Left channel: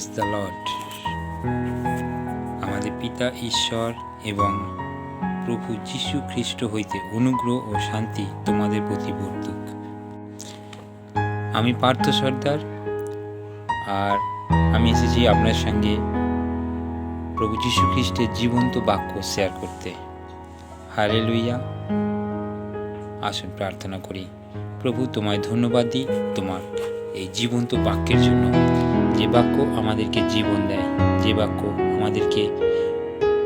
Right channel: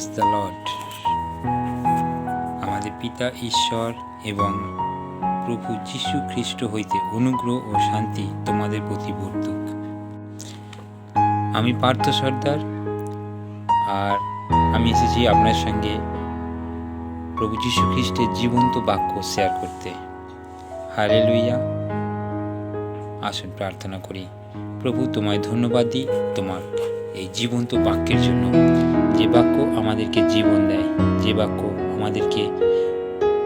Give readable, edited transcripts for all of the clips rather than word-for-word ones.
Praise the Lord. আমাদের পিতা ঈশ্বর এবং প্রভু যীশু খ্রিস্ট হইতে অনুগ্রহ ও শান্তি তোমাদের প্রতি বর্তুক। আমি পার্থ সর্দার, আর আমি এসেছি আপনার সঙ্গে প্রভু যীশু খ্রিস্টের জীবন্ত বাক্য শেয়ার করতে। হালেলুয়া। আসুন প্রার্থনা করি। প্রভু, তোমায় ধন্যবাদ দিই তোমার এই জীবন্ত বাক্যের জন্য, যে বাক্য আমাদেরকে জীবন দেয়, যে বাক্য আমাদেরকে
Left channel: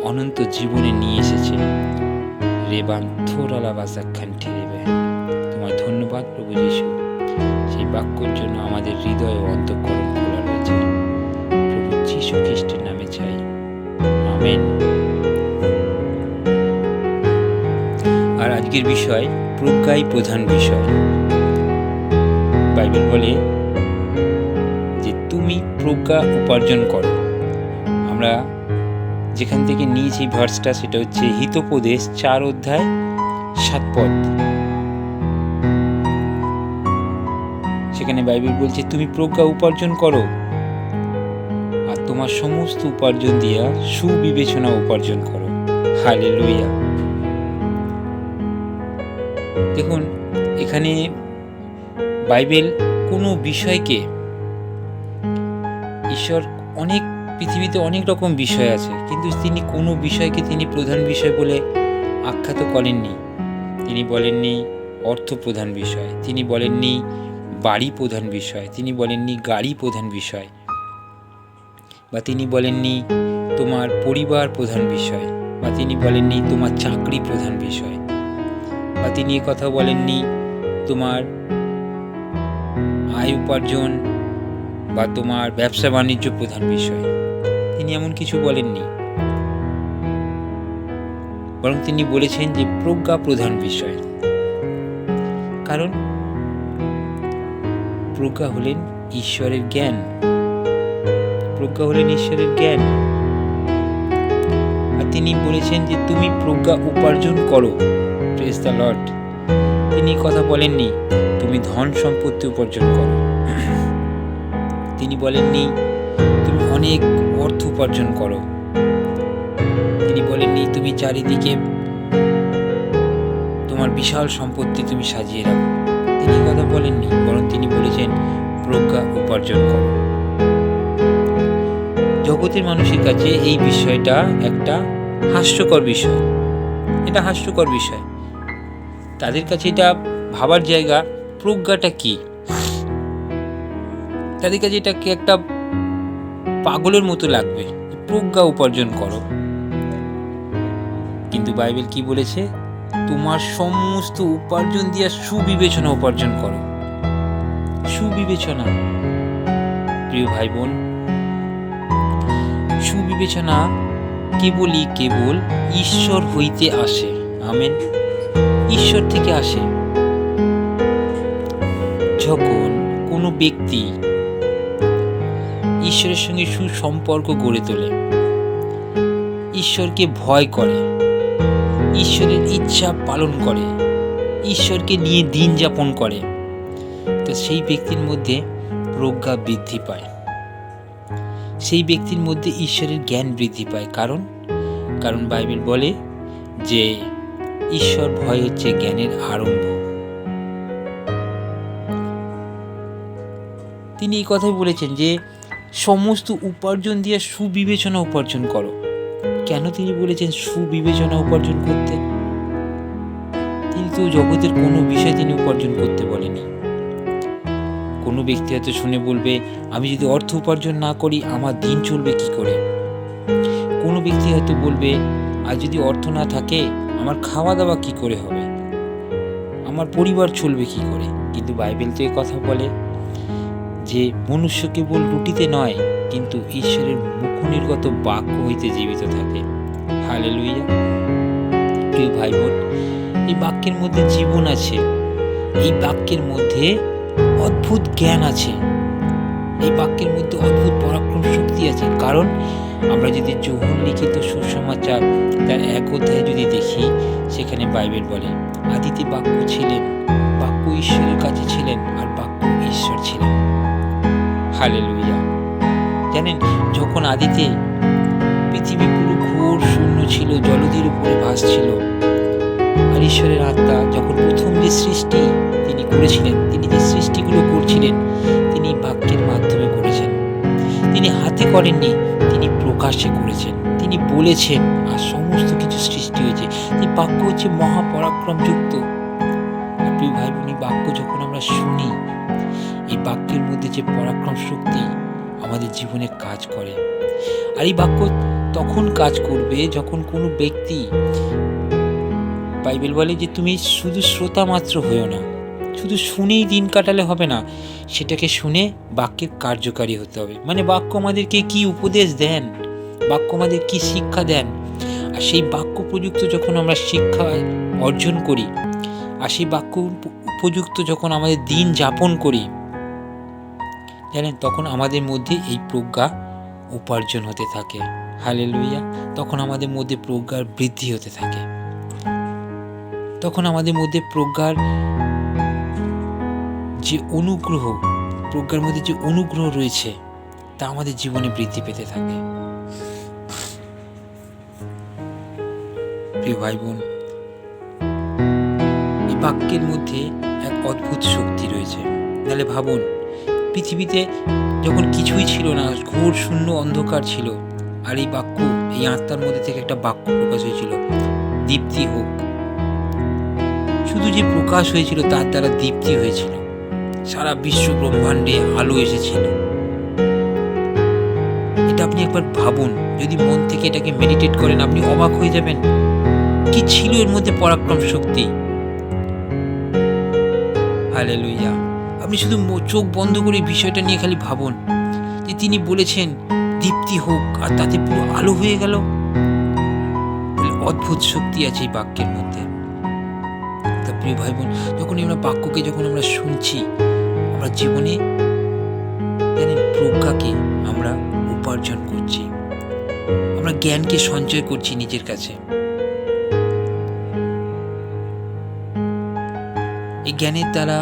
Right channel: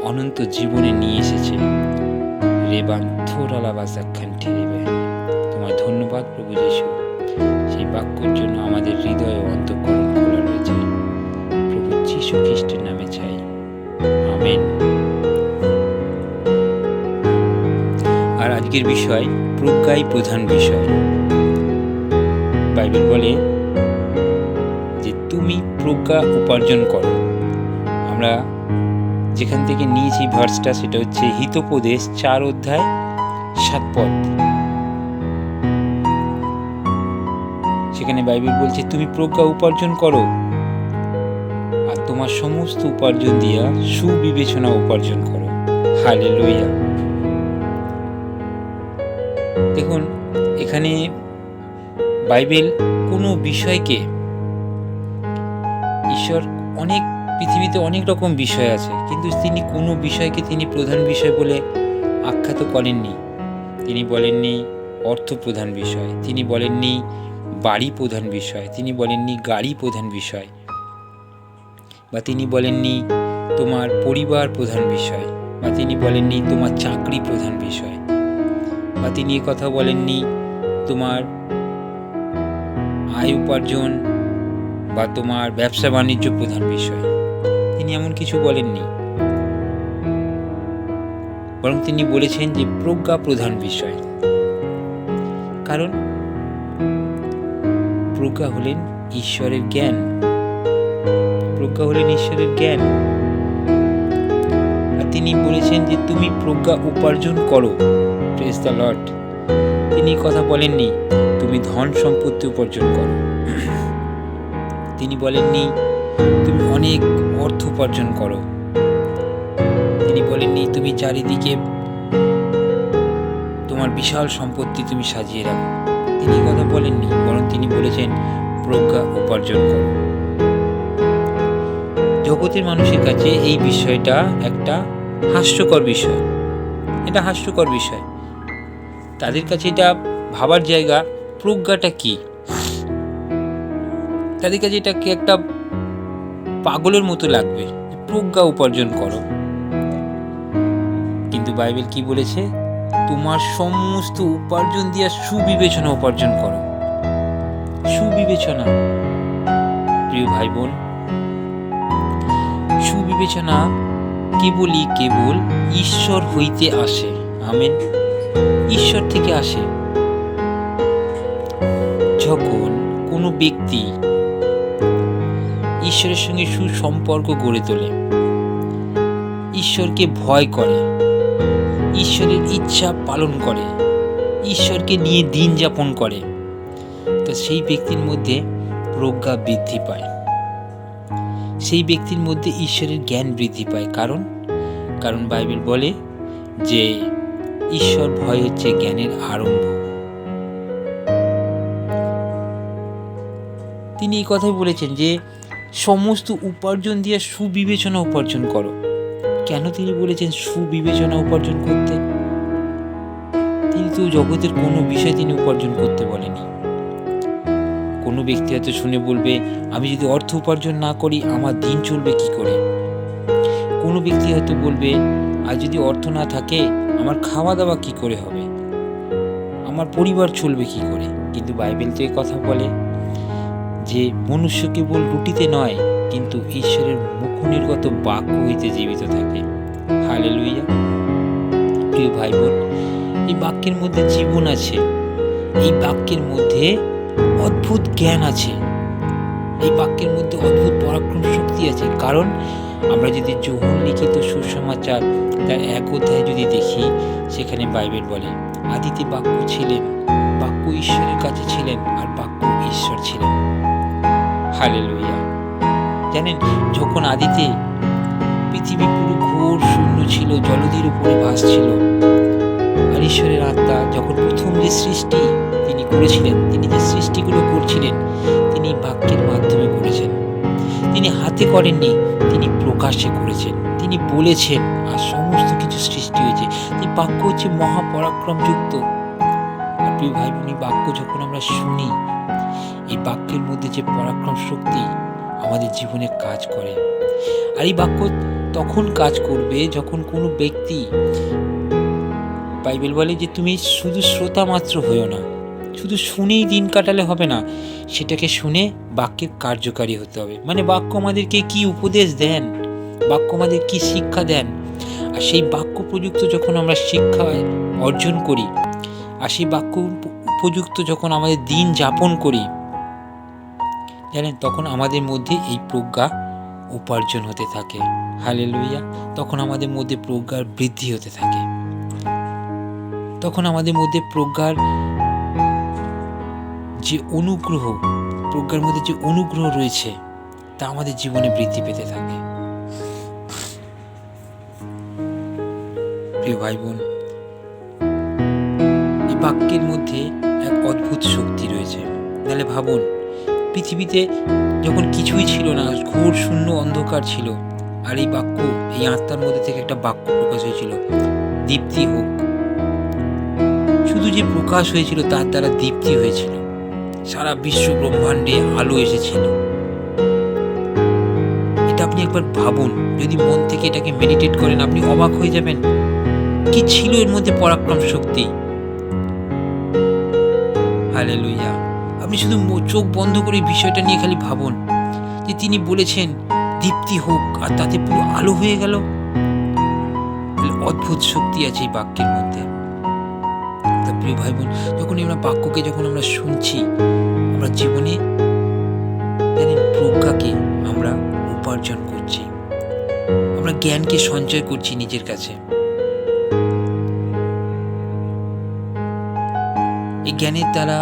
অনন্ত জীবনে নিয়ে এসেছে। রেবান থোরালা বাজাখান ঠেরেবে। তোমায় ধন্যবাদ প্রভু যীশু, সেই বাক্যের জন্য আমাদের হৃদয় ও অন্তঃকরণ খোলা রয়েছে। প্রভু যীশু খ্রিস্টের নামে চাই, আমেন। আর আজকের বিষয় প্রজ্ঞাই প্রধান বিষয়। বাইবেল বলে যে তুমি প্রজ্ঞা উপার্জন করো। আমরা যেখান থেকে নিয়েছি ভার্সটা, সেটা হচ্ছে হিতোপদেশ 4 অধ্যায় 7 পদ। সেখানে বাইবেল বলছে তুমি প্রজ্ঞা উপার্জন করো, আর তোমার সমস্ত উপার্জন দিয়া সুবিবেচনা উপার্জন করো। হালেলুয়া। দেখুন, এখানে বাইবেল কোনো বিষয়কে, ঈশ্বর পৃথিবীতে অনেক রকম বিষয় আছে, কিন্তু তিনি কোনো বিষয়কে তিনি প্রধান বিষয় বলে আখ্যাত করেননি। তিনি বলেননি অর্থ প্রধান বিষয়, তিনি বলেননি বাড়ি প্রধান বিষয়, তিনি বলেননি গাড়ি প্রধান বিষয়, বা তিনি বলেননি তোমার পরিবার প্রধান বিষয়, বা তিনি বলেননি তোমার চাকরি প্রধান বিষয়, বা তিনি কথা বলেননি তোমার আয় উপার্জন বা তোমার ব্যবসা বাণিজ্য প্রধান বিষয়। তিনি এমন কিছু বলেননি, বরং তিনি বলেছেন যে প্রজ্ঞা প্রধান বিষয়। কারণ প্রজ্ঞা হলেন ঈশ্বরের জ্ঞান, প্রজ্ঞা হলেন ঈশ্বরের জ্ঞান। আর তিনি বলেছেন যে তুমি প্রজ্ঞা উপার্জন করো। Praise the lord. তিনি কথা বলেননি তুমি ধন সম্পত্তি উপার্জন করো, তিনি বলেননি তুমি অনেক অর্থ উপার্জন করো, তিনি বলেননি তুমি চারিদিকে তোমার বিশাল সম্পত্তি তুমি সাজিয়ে রাখো। তিনি কথা বলেননি, বরং তিনি বলেছেন প্রজ্ঞা উপার্জন করো। জগতের মানুষের কাছে এই বিষয়টা একটা হাস্যকর বিষয়, এটা হাস্যকর বিষয়। তাদের কাছে এটা ভাবার জায়গা, প্রজ্ঞাটা কি। তাদের কাছে এটাকে একটা পাগলের মতো লাগবে, প্রজ্ঞা উপার্জন করো। কিন্তু বাইবেল কি বলেছে? তোমার সমস্ত উপার্জন দিয়া সুবিবেচনা উপার্জন করো। সুবিবেচনা, প্রিয় ভাই বোন, সুবিবেচনা কেবল ঈশ্বর হইতে আসে। আমেন। ঈশ্বর থেকে আসে। যখন কোনো ব্যক্তি ঈশ্বরের সঙ্গে সুসম্পর্ক গড়ে তোলে, ঈশ্বরকে ভয় করে, ঈশ্বরের ইচ্ছা পালন করে, ঈশ্বরকে নিয়ে দিন যাপন করে, তো সেই ব্যক্তির মধ্যে প্রজ্ঞা বৃদ্ধি পায়, সেই ব্যক্তির মধ্যে ঈশ্বরের জ্ঞান বৃদ্ধি পায়। কারণ বাইবেল বলে যে ঈশ্বর ভয় হচ্ছে জ্ঞানের আরম্ভ। তিনি এই কথাই বলেছেন যে সমস্ত উপার্জন দিয়ে সুবিবেচনা উপার্জন করো। কেন তিনি বলেছেন সুবিবেচনা উপার্জন করতে? তিনি তো জগতের কোনো বিষয় তিনি উপার্জন করতে বলেনি। কোনো ব্যক্তি হয়তো শুনে বলবে, আমি যদি অর্থ উপার্জন না করি আমার দিন চলবে কি করে? কোনো ব্যক্তি হয়তো বলবে, আর যদি অর্থ না থাকে আমার খাওয়া দাওয়া কি করে হবে, আমার পরিবার চলবে কি করে? কিন্তু বাইবেল তো এই কথা বলে যে মনুষ্য কেবল রুটিতে নয়, কিন্তু ঈশ্বরের মুখনির্গত বাক্য হইতে জীবিত থাকে। হালেলুয়া। প্রিয় ভাই বোন, এই বাক্যের মধ্যে জীবন আছে, এই বাক্যের মধ্যে অদ্ভুত জ্ঞান আছে, এই বাক্যের মধ্যে অদ্ভুত পরাক্রম শক্তি আছে। কারণ আমরা যদি যোহন লিখিত সুসমাচার তার 1 অধ্যায় যদি দেখি, সেখানে বাইবেল বলে আদিতে বাক্য ছিলেন, বাক্য ঈশ্বরের কাছে ছিলেন, আর বাক্য ঈশ্বর ছিলেন। হালেলুয়া। জানেন, যখন আদিতে পৃথিবী পুরো ঘোর শূন্য ছিল, জলধির উপরে ভাসছিল, আর ঈশ্বরের আত্মা যখন প্রথম যে সৃষ্টি তিনি করেছিলেন, তিনি যে সৃষ্টিগুলো করছিলেন তিনি বাক্যের মাধ্যমে করেছেন। তিনি হাতে করেননি, তিনি প্রকাশে করেছেন, তিনি বলেছেন আর সমস্ত কিছু সৃষ্টি হয়েছে। এই বাক্য হচ্ছে মহাপরাক্রমযুক্ত। আর প্রিয় ভাই বোন, এই বাক্য যখন আমরা শুনি, এই বাক্যের মধ্যে যে পরাক্রম শক্তি আমাদের জীবনে কাজ করে। আর এই বাক্য তখন কাজ করবে যখন কোনো ব্যক্তি, বাইবেল বলে যে তুমি শুধু শ্রোতা মাত্র হয়েও না, শুধু শুনেই দিন কাটালে হবে না, সেটাকে শুনে বাক্যের কার্যকারী হতে হবে। মানে বাক্য আমাদেরকে কি উপদেশ দেন, বাক্য আমাদের কি শিক্ষা দেন, আর সেই বাক্য প্রযুক্ত যখন আমরা শিক্ষা অর্জন করি, আর সেই বাক্য উপযুক্ত যখন আমাদের দিন যাপন করি, জানেন, তখন আমাদের মধ্যে এই প্রজ্ঞা উপার্জন হতে থাকে। হালেলুয়া। তখন আমাদের মধ্যে প্রজ্ঞার বৃদ্ধি হতে থাকে, তখন আমাদের মধ্যে প্রজ্ঞার যে অনুগ্রহ, প্রজ্ঞার মধ্যে যে অনুগ্রহ রয়েছে তা আমাদের জীবনে বৃদ্ধি পেতে থাকে। প্রিয় ভাই বোন, এই বাক্যের মধ্যে এক অদ্ভুত শক্তি রয়েছে। তাহলে ভাবুন, পৃথিবীতে যখন কিছুই ছিল না, ঘোর শূন্য অন্ধকার ছিল, আর এই বাক্য, এই আত্মার মধ্যে থেকে একটা বাক্য প্রকাশ হয়েছিল, দীপ্তি হোক। শুধু যে প্রকাশ হয়েছিল তার দ্বারা দীপ্তি হয়েছিল, সারা বিশ্ব ব্রহ্মাণ্ডে আলো এসেছিল। এটা আপনি একবার ভাবুন, যদি মন থেকে এটাকে মেডিটেট করেন, আপনি অবাক হয়ে যাবেন কি ছিল এর মধ্যে পরাক্রম শক্তি। হালেলুয়া। আপনি শুধু চোখ বন্ধ করে বিষয়টা নিয়ে খালি ভাবুন যে তিনি বলেছেন দীপ্তি হোক, আর তাতে পুরো আলো হয়ে গেল। তাহলে অদ্ভুত শক্তি আছে এই বাক্যের মধ্যে। তা প্রিয় ভাই বোন, যখন আমরা বাক্যকে যখন আমরা শুনছি, আমরা জীবনে জানেন প্রজ্ঞাকে আমরা উপার্জন করছি, আমরা জ্ঞানকে সঞ্চয় করছি নিজের কাছে। এই জ্ঞানের দ্বারা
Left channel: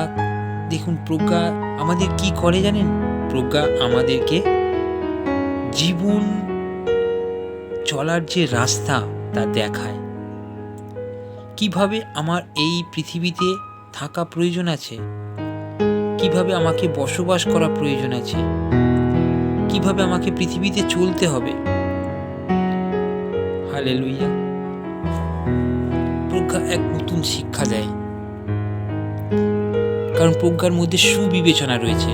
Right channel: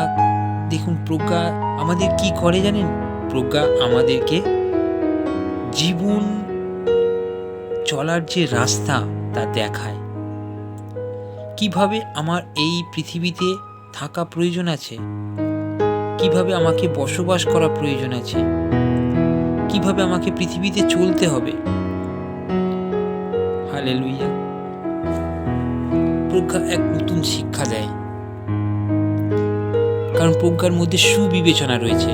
দেখুন, প্রজ্ঞা আমাদের কি করে জানেন, প্রজ্ঞা আমাদেরকে জীবন চলার যে রাস্তা তা দেখায়। কিভাবে আমার এই পৃথিবীতে থাকা প্রয়োজন আছে, কিভাবে আমাকে বসবাস করা প্রয়োজন আছে, কিভাবে আমাকে পৃথিবীতে চলতে হবে। হালেলুয়া। প্রজ্ঞা এক নতুন শিক্ষা দেয়, কারণ প্রজ্ঞার মধ্যে সুবিবেচনা রয়েছে।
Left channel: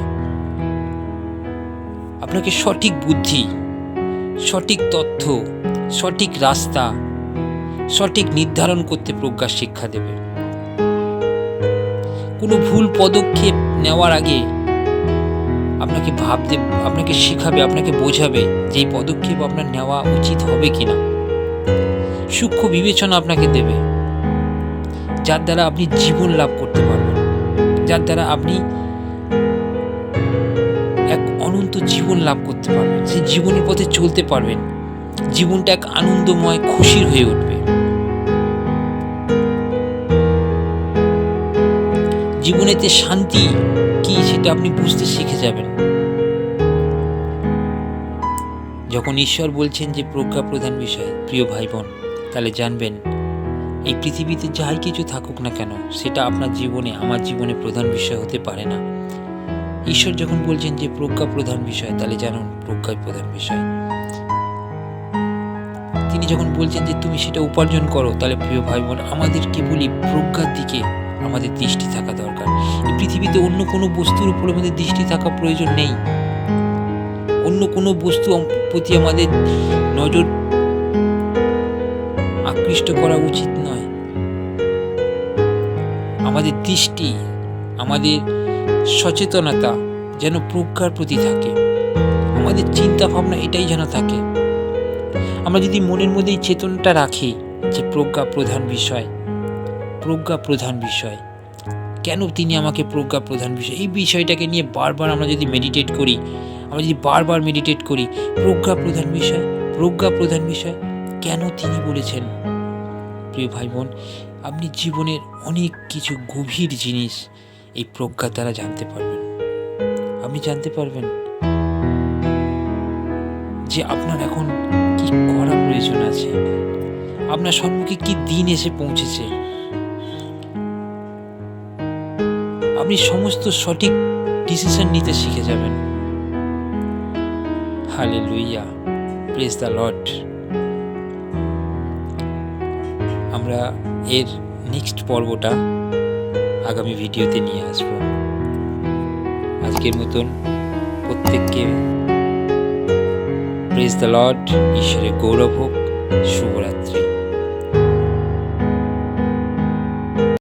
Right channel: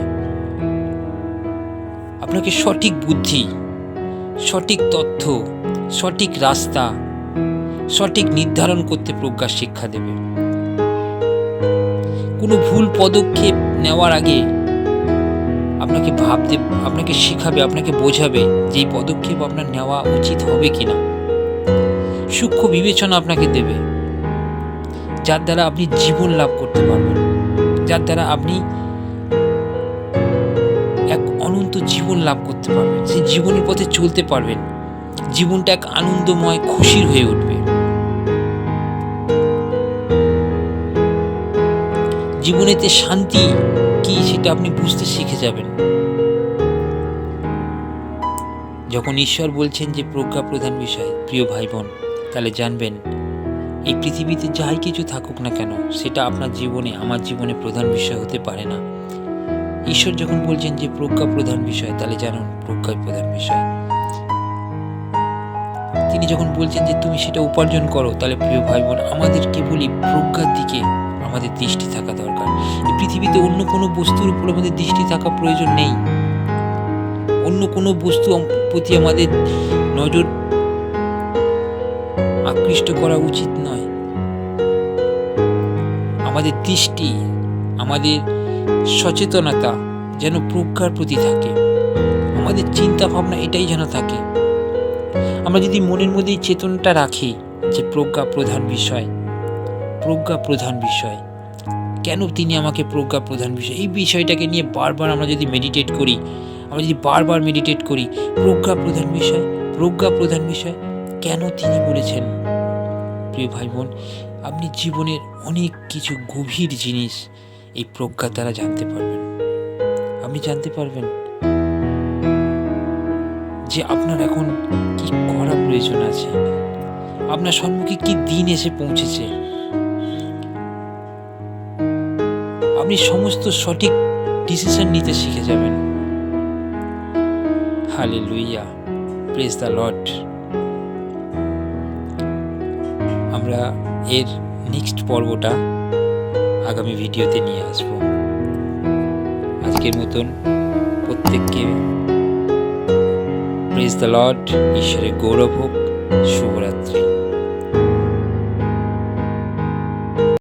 আপনাকে সঠিক বুদ্ধি, সঠিক তথ্য, সঠিক রাস্তা, সঠিক নির্ধারণ করতে প্রজ্ঞা শিক্ষা দেবে। কোনো ভুল পদক্ষেপ নেওয়ার আগে আপনাকে ভাবতে, আপনাকে শেখাবে, আপনাকে বোঝাবে যে এই পদক্ষেপ আপনার নেওয়া উচিত হবে কিনা। সূক্ষ্ম বিবেচনা আপনাকে দেবে, যার দ্বারা আপনি জীবন লাভ করতে পারবেন, যার দ্বারা আপনি এক অনন্ত জীবন লাভ করতে পারবেন, সেই জীবনের পথে চলতে পারবেন। জীবনটা এক আনন্দময়, খুশির হয়ে উঠবে। জীবনেতে শান্তি কি সেটা আপনি বুঝতে শিখে যাবেন। যখন ঈশ্বর বলছেন যে প্রজ্ঞা প্রধান বিষয়, প্রিয় ভাই বোন, তাহলে জানবেন এই পৃথিবীতে যাই কিছু থাকুক না কেন, সেটা আপনার জীবনে, আমার জীবনে প্রধান বিষয় হতে পারে না। ঈশ্বর যখন বলছেন যে প্রজ্ঞা প্রধান বিষয়, তাহলে জানুন প্রজ্ঞাই প্রধান বিষয়। তিনি যখন বলছেন যে তুমি সেটা উপার্জন করো, তাহলে প্রিয় ভাই বোন, আমাদের কেবলই প্রজ্ঞার দিকে আমাদের দৃষ্টি থাকা দরকার। এই পৃথিবীতে অন্য কোনো বস্তুর উপর আমাদের দৃষ্টি থাকা প্রয়োজন নেই, অন্য কোনো বস্তু প্রতি আমাদের নজর আকৃষ্ট করা উচিত নয়। আমাদের দৃষ্টি, আমাদের সচেতনতা যেন প্রজ্ঞার প্রতি থাকে, আমাদের চিন্তা ভাবনা এটাই যেন থাকে। আমরা যদি মনের মধ্যে এই চেতনাটা রাখি যে প্রজ্ঞা প্রধান বিষয়, প্রজ্ঞা প্রধান বিষয়, কেন তিনি আমাকে প্রজ্ঞা প্রধান বিষয়, এই বিষয়টাকে নিয়ে বারবার আমরা যদি মেডিটেট করি, আমরা যদি বারবার মেডিটেট করি, প্রজ্ঞা প্রধান বিষয়, প্রজ্ঞা প্রধান বিষয়, কেন তিনি বলেছেন, প্রিয় ভাই বোন, আপনি জীবনের অনেক কিছু গভীর জিনিস এই প্রজ্ঞার দ্বারা জানতে পারবেন। আপনি জানতে পারবেন যে আপনার এখন কি করা প্রয়োজন আছে, আপনার সম্মুখে কি দিন এসে পৌঁছেছে। আপনি সমস্ত সঠিক ডিসিশন নিতে শিখে যাবেন। Hallelujah, praise the lord. আমরা এর নেক্সট পর্বটা আগামী ভিডিওতে নিয়ে আসব। আজকের মতন প্রত্যেককে প্রেজ দ্য লর্ড, ঈশ্বরের গৌরব হোক, শুভরাত্রি।